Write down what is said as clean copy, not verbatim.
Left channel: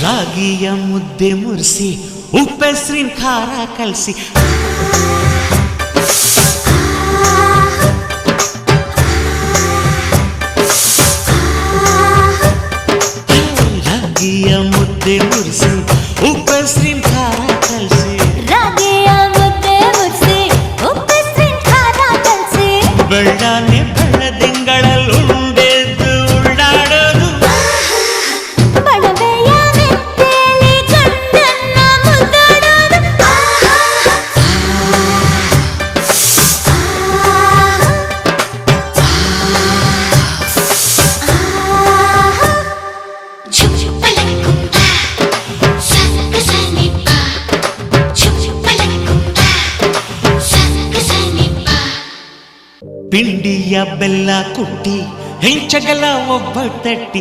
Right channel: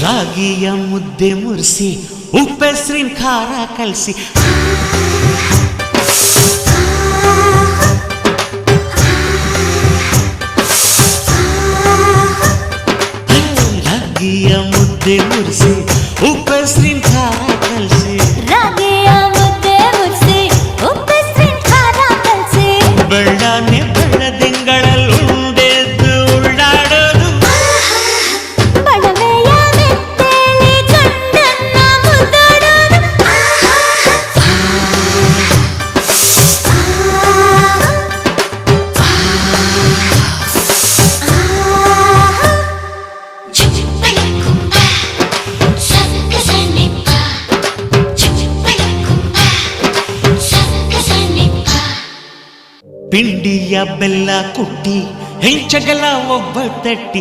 ರಾಗಿಯ ಮುದ್ದೆ ಮುರಿಸಿ ಉಪ್ಪೆಸ್ರಿನ ಖಾರ ಕಲಸಿ ರಾಗಿಯ ಮುದ್ದೆ ಮುರಿಸಿ ಉಪ್ಪೆಸ್ರಿನ ಖಾರ ಕಲಸಿ ರಾಗಿಯ ಮುದ್ದೆ ಮುರಿಸಿ ಉಪ್ಪೆಸ್ರಿನ ಖಾರ ಕಲಸಿ ಬೆಳ್ಳಾನೆ ಬೆಳ್ಳದಿಂಗಳಲ್ಲಿ ಉಂಡೆದ್ದು ಉಳ್ಳಾಡೋದು ಬಣವೆಯ ಮೆತ್ತೇಲಿ ಗಂಡನ್ನ ಮುದ್ದಾಡೋದು ಪಿಂಡಿಯ ಬೆಲ್ಲ ಕುಟ್ಟಿ ಹೆಂಚಗಲ ಒಬ್ಬ ತಟ್ಟಿ